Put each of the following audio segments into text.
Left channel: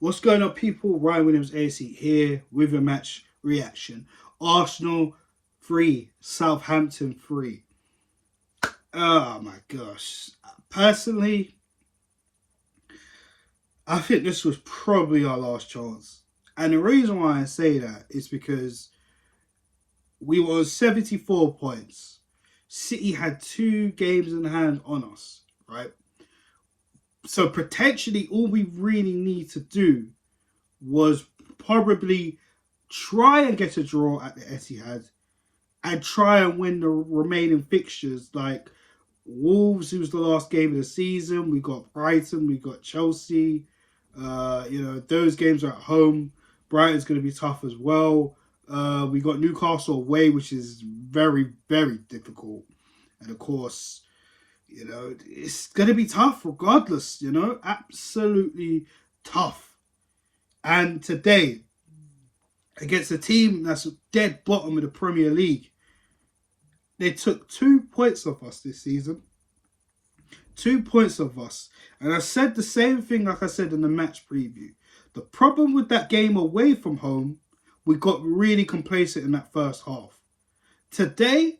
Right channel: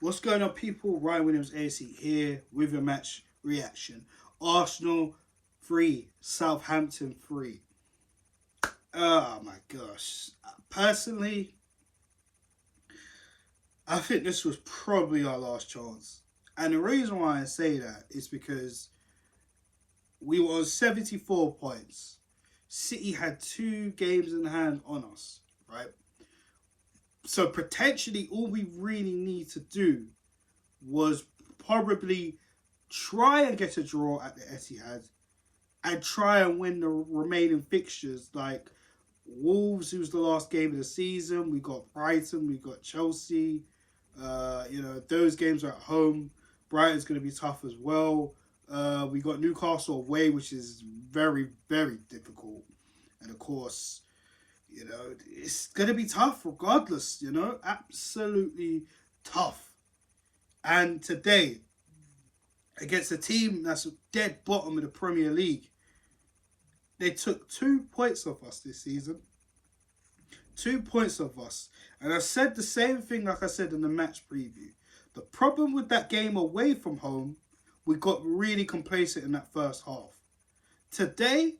What's going on, people? Ryan Williams AC here with a match reaction. Arsenal 3, Southampton 3. Oh my gosh. Personally, I think this was probably our last chance. And the reason why I say that is because we were on 74 points. City had 2 games in hand on us, right? So potentially all we really need to do was probably try and get a draw at the Etihad and try and win the remaining fixtures like Wolves, who was the last game of the season. We got Brighton, we got Chelsea. Those games are at home. Brighton's going to be tough as well. We got Newcastle away, which is very, very difficult. And of course, it's going to be tough regardless, absolutely tough. And today, against a team that's dead bottom of the Premier League, they took 2 points off us this season. 2 points off us. And I said the same thing like I said in the match preview. The problem with that game away from home, we got really complacent in that first half. Today,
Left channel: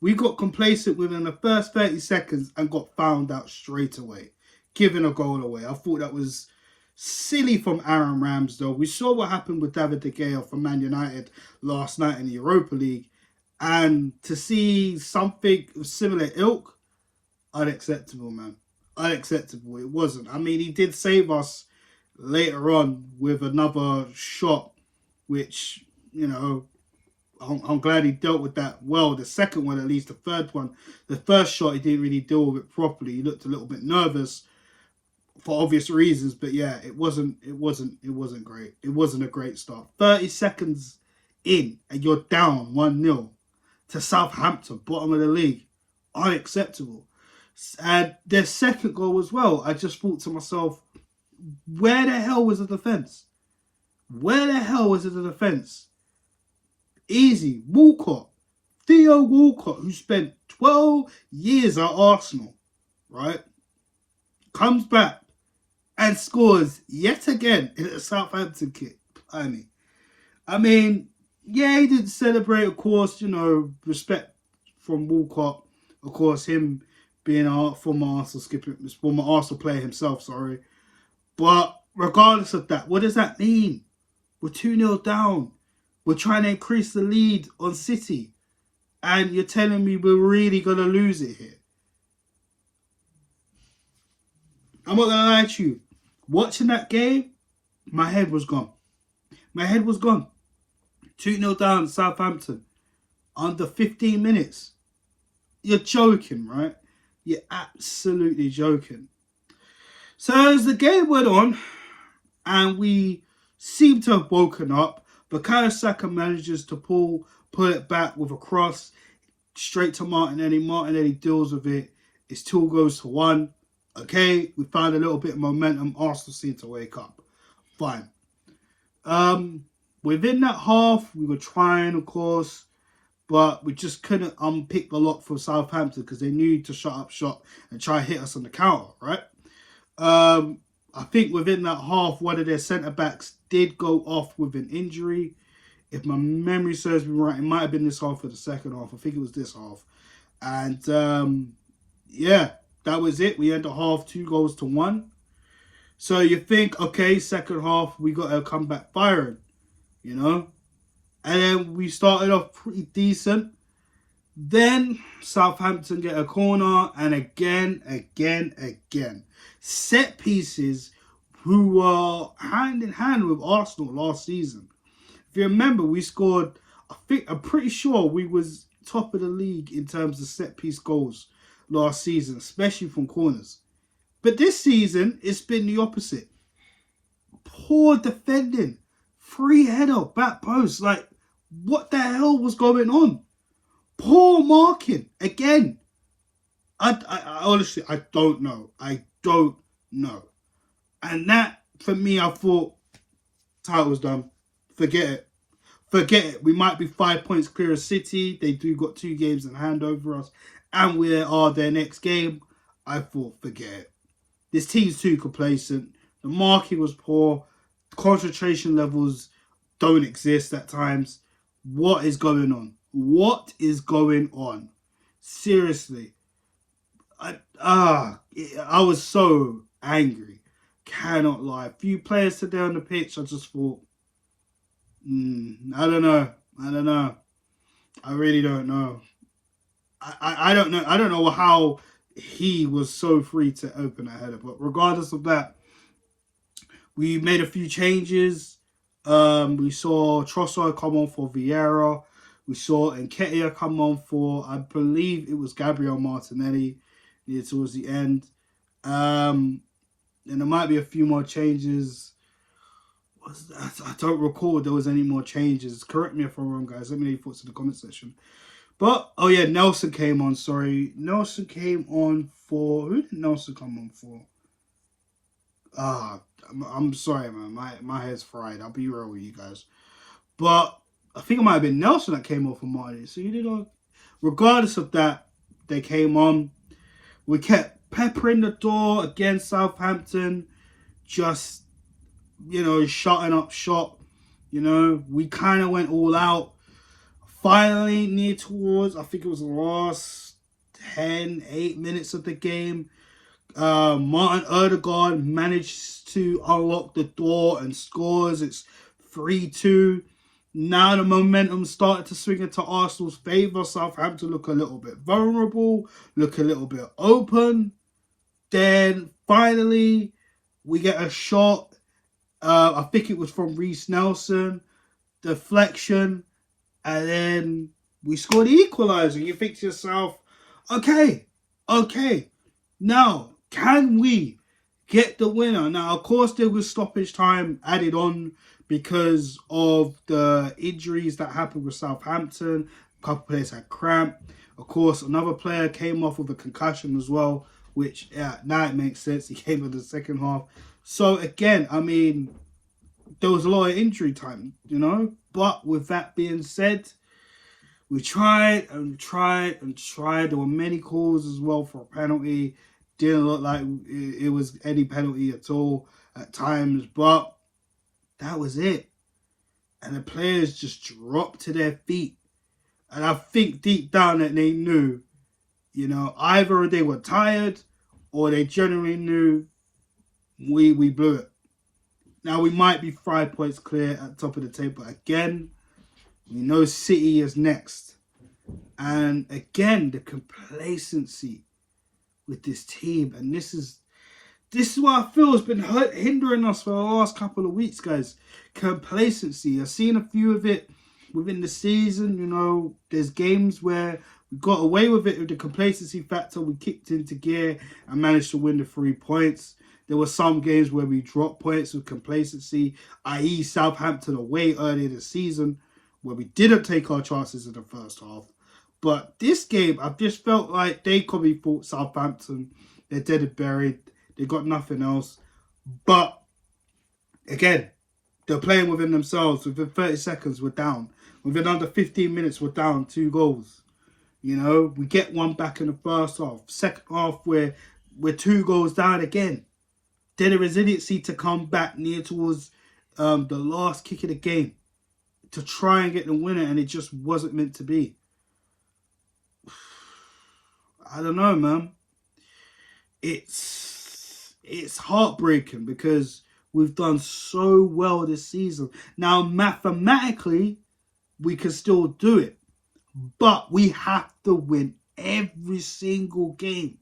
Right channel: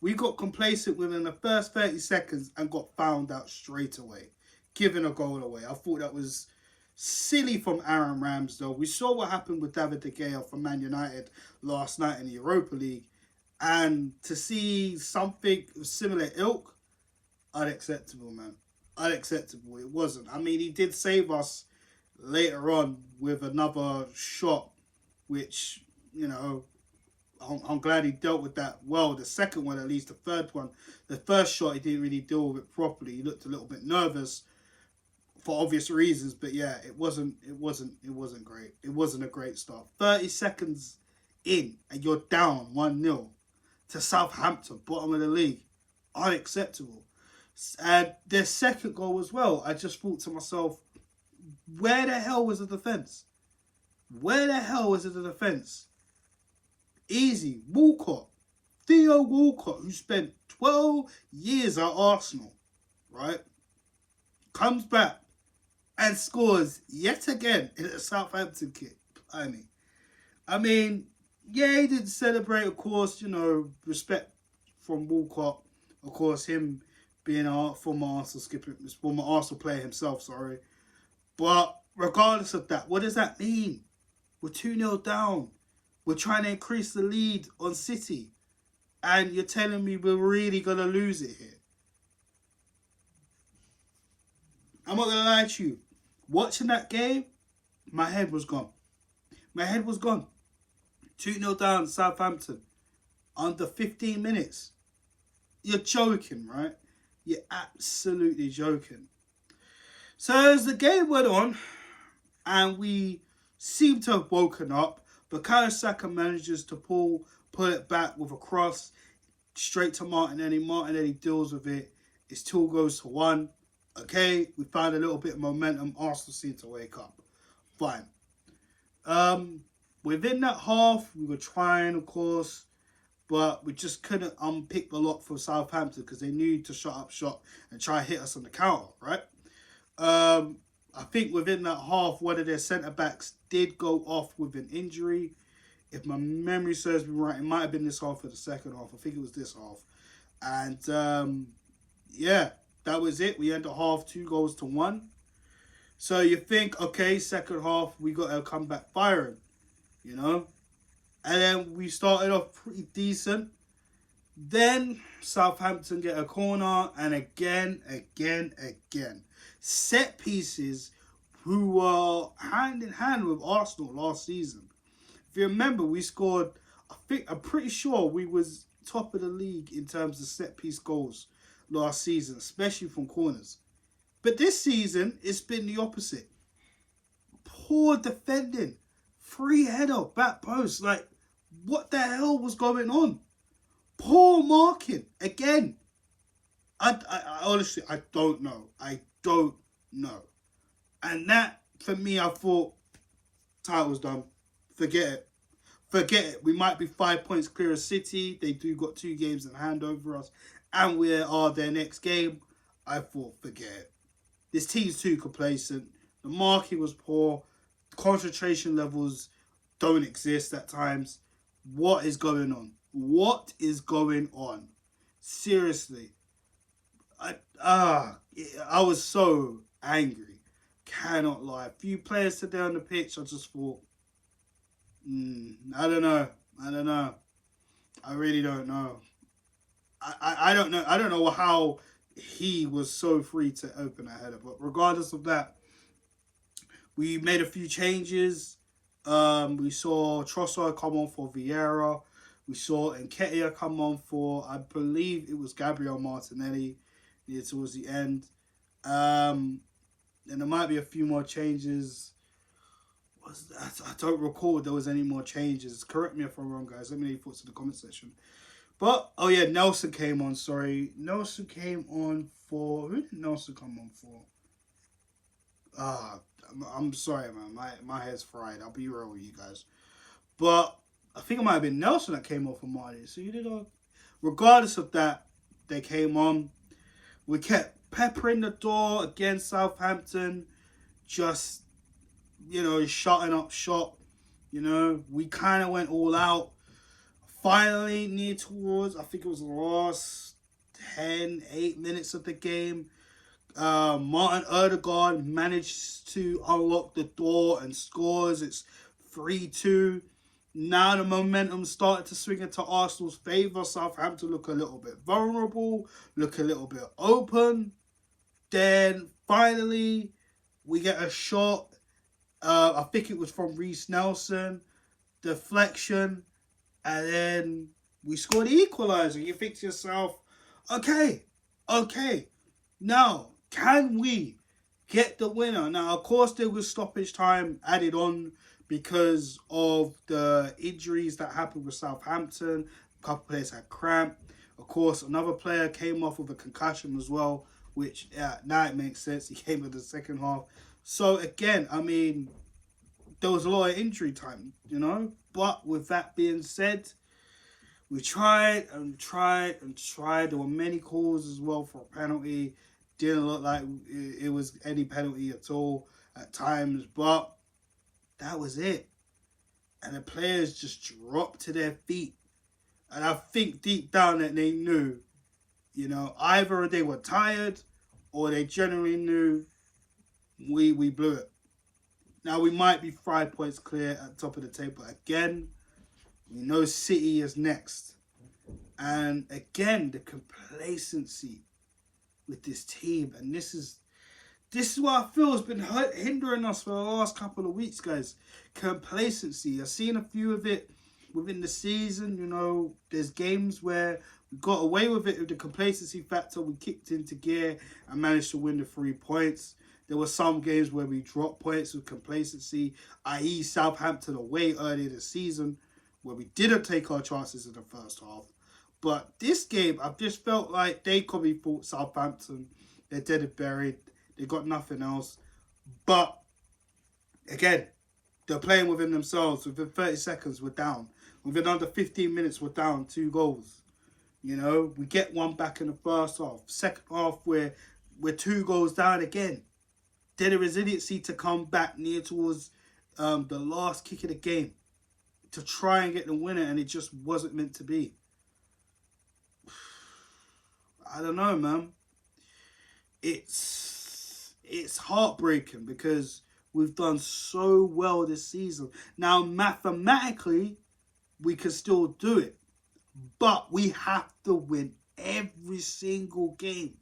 we got complacent within the first 30 seconds and got found out straight away, giving a goal away. I thought that was silly from Aaron Ramsdale. We saw what happened with David De Gea from Man United last night in the Europa League. And to see something of similar ilk, unacceptable, man. Unacceptable. It wasn't. I mean, he did save us later on with another shot, which, I'm glad he dealt with that well. The second one, at least, the third one. The first shot, he didn't really deal with it properly. He looked a little bit nervous for obvious reasons. But yeah, it wasn't great. It wasn't a great start. 30 seconds in and you're down 1-0 to Southampton, bottom of the league. Unacceptable. And their second goal as well, I just thought to myself, where the hell was the defence? Where the hell was the defence? Easy. Walcott. Theo Walcott, who spent 12 years at Arsenal, right? Comes back and scores yet again in a Southampton kit. I mean, yeah, he didn't celebrate, of course, respect from Walcott. Of course, him being a former Arsenal player himself, sorry. But regardless of that, what does that mean? We're 2-0 down. We're trying to increase the lead on City. And you're telling me we're really going to lose it here. I'm not going to lie to you. Watching that game, my head was gone. My head was gone. 2-0 down, Southampton. Under 15 minutes. You're joking, right? You're absolutely joking. So as the game went on, and we seemed to have woken up, Bukayo Saka manages to pull it back with a cross straight to Martinelli. Martinelli deals with it. It's 2-1. Okay, we found a little bit of momentum. Arsenal seemed to wake up. Fine. Within that half, we were trying, of course, but we just couldn't unpick the lock for Southampton because they knew to shut up shop and try and hit us on the counter, right? I think within that half, one of their centre-backs did go off with an injury. If my memory serves me right, it might have been this half or the second half. I think it was this half. And, yeah, that was it. We ended the half 2-1. So you think, okay, second half, we got to come back firing, And then we started off pretty decent. Then Southampton get a corner, and again. Set pieces who were hand in hand with Arsenal last season. If you remember, we scored, I'm pretty sure we was top of the league in terms of set piece goals last season, especially from corners. But this season, it's been the opposite. Poor defending. Free header, back post. Like, what the hell was going on? Poor marking. Again. I honestly, I don't know. I don't know. And that, for me, I thought, title's done. Forget it. Forget it. We might be 5 points clear of City. They do got 2 games in hand over us. And we are their next game. I thought, forget it. This team's too complacent. The marking was poor. concentration levels don't exist at times. What is going on? What is going on? Seriously. I was so angry. Cannot lie. A few players today on the pitch, I just thought, I don't know. I really don't know. I don't know. I don't know how he was so free to open a header. But regardless of that, we made a few changes. We saw Trossard come on for Vieira. We saw Nketiah come on for, I believe it was Gabriel Martinelli towards the end. And there might be a few more changes. I don't recall there was any more changes. Correct me if I'm wrong, guys. Let me know your thoughts in the comment section. But, oh yeah, Nelson came on, sorry. Nelson came on for... Who did Nelson come on for? I'm sorry, man. My head's fried. I'll be real with you guys. But I think it might have been Nelson that came on for Marty. So you did not... Regardless of that, they came on. We kept peppering the door against Southampton. Just, shutting up shop. We kind of went all out. Finally, near towards, I think it was the last 8 minutes of the game, Martin Odegaard managed to unlock the door and scores. It's 3-2. Now the momentum started to swing into Arsenal's favour. Southampton look a little bit vulnerable, look a little bit open. Then finally, we get a shot. I think it was from Reece Nelson. Deflection. And then we scored the equaliser. You think to yourself, okay. Now, can we get the winner? Now, of course, there was stoppage time added on because of the injuries that happened with Southampton. A couple players had cramp. Of course, another player came off with a concussion as well, which, now it makes sense. He came in the second half. So, again, there was a lot of injury time, But with that being said, we tried. There were many calls as well for a penalty. Didn't look like it was any penalty at all at times. But that was it. And the players just dropped to their feet. And I think deep down that they knew, either they were tired or they generally knew we blew it. Now, we might be 5 points clear at the top of the table. Again, we know City is next. And again, the complacency with this team. And this is what I feel has been hindering us for the last couple of weeks, guys. Complacency. I've seen a few of it within the season. There's games where we got away with it with the complacency factor. We kicked into gear and managed to win the 3 points. There were some games where we dropped points with complacency, i.e. Southampton away earlier this season, where we didn't take our chances in the first half. But this game, I just felt like they probably thought Southampton, they're dead and buried. They got nothing else. But, again, they're playing within themselves. Within 30 seconds, we're down. Within under 15 minutes, we're down 2 goals. We get one back in the first half. Second half, we're 2 goals down again. Then the resiliency to come back near towards the last kick of the game to try and get the winner, and it just wasn't meant to be. I don't know, man. It's heartbreaking because we've done so well this season. Now, mathematically, we can still do it, but we have to win every single game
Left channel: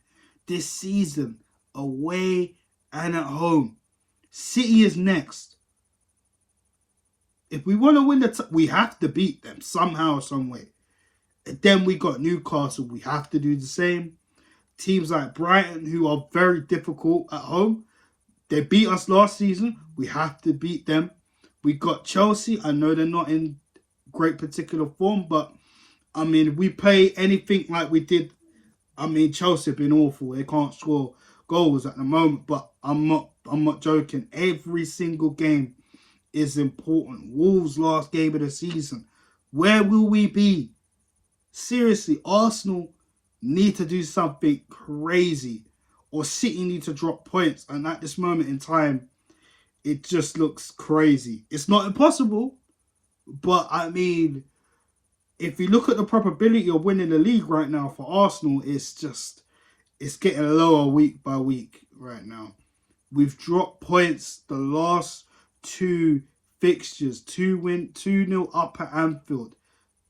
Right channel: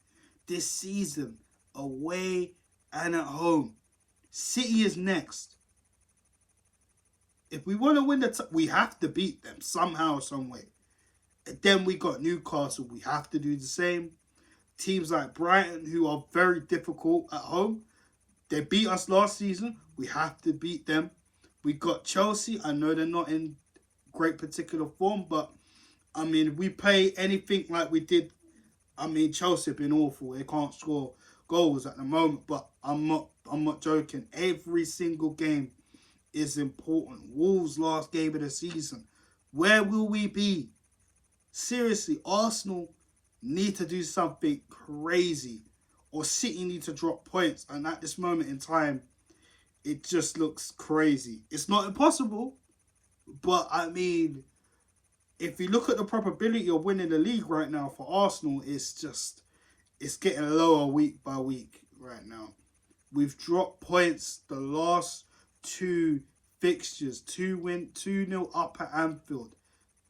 this season, away and at home. City is next. If we want to win we have to beat them somehow, some way. And then we got Newcastle. We have to do the same. Teams like Brighton, who are very difficult at home. They beat us last season. We have to beat them. We got Chelsea. I know they're not in great particular form, but if we play anything like we did, Chelsea have been awful. They can't score goals at the moment, but I'm not joking. Every single game is important. Wolves' last game of the season. Where will we be? Seriously, Arsenal need to do something crazy, or City need to drop points. And at this moment in time, It just looks crazy. It's not impossible, but I mean, if you look at the probability of winning the league right now for Arsenal, it's getting lower week by week right now. We've dropped points the last two fixtures. 2-0 up at Anfield.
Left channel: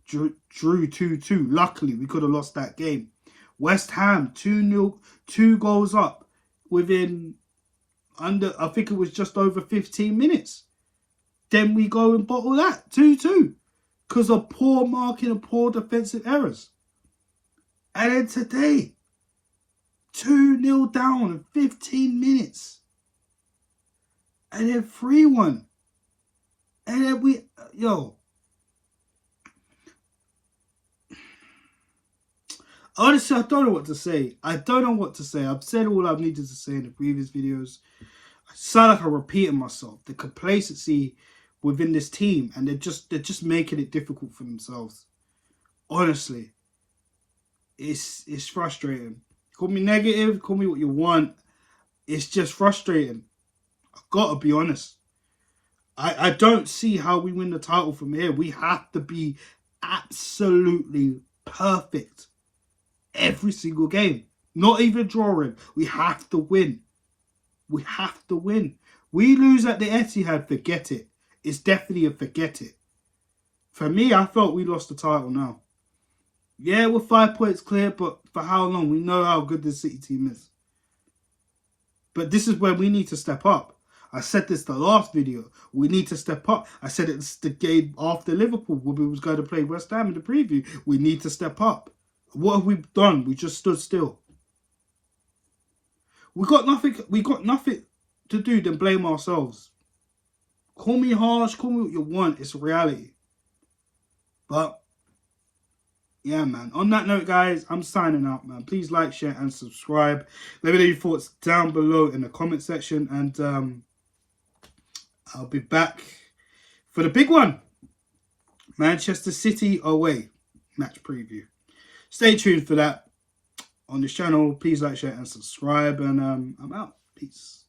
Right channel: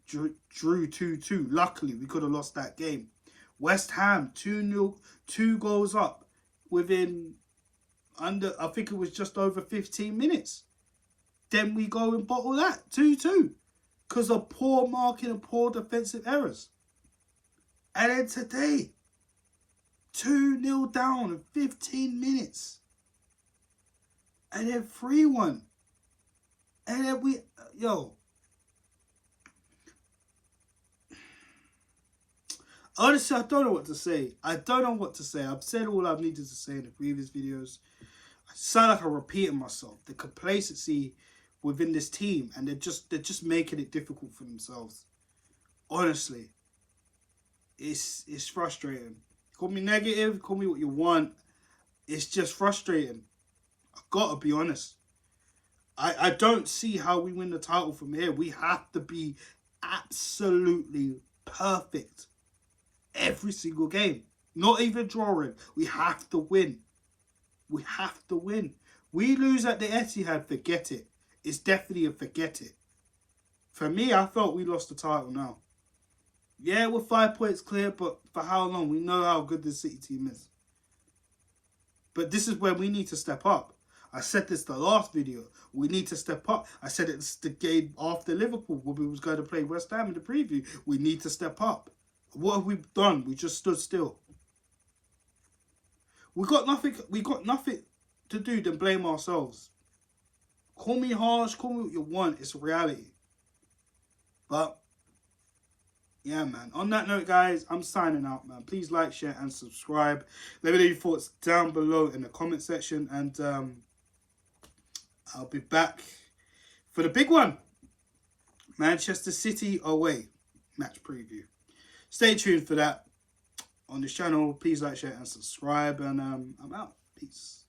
Drew 2-2. Luckily, we could have lost that game. West Ham 2-0, 2 goals up within I think it was just over 15 minutes. Then we go and bottle that 2-2 because of poor marking and poor defensive errors. And then today, 2-0 down in 15 minutes. And then 3-1. And then honestly, I don't know what to say. I've said all I've needed to say in the previous videos. I sound like I'm repeating myself. The complacency within this team, and they're just making it difficult for themselves. Honestly, it's frustrating. Call me negative, call me what you want. It's just frustrating. I've got to be honest. I don't see how we win the title from here. We have to be absolutely perfect every single game. Not even drawing. We have to win. We have to win. We lose at the Etihad, forget it. It's definitely a forget it. For me, I felt we lost the title now. Yeah, we're 5 points clear, but for how long? We know how good this City team is. But this is where we need to step up. I said this the last video. We need to step up. I said it's the game after Liverpool when we was going to play West Ham in the preview. We need to step up. What have we done? We just stood still. We got nothing to do than blame ourselves. Call me harsh, call me what you want. It's a reality. But yeah, man. On that note, guys, I'm signing out, man. Please like, share, and subscribe. Let me know your thoughts down below in the comment section, and I'll be back for the big one. Manchester City away match preview. Stay tuned for that on this channel. Please like, share, and subscribe, and I'm out. Peace.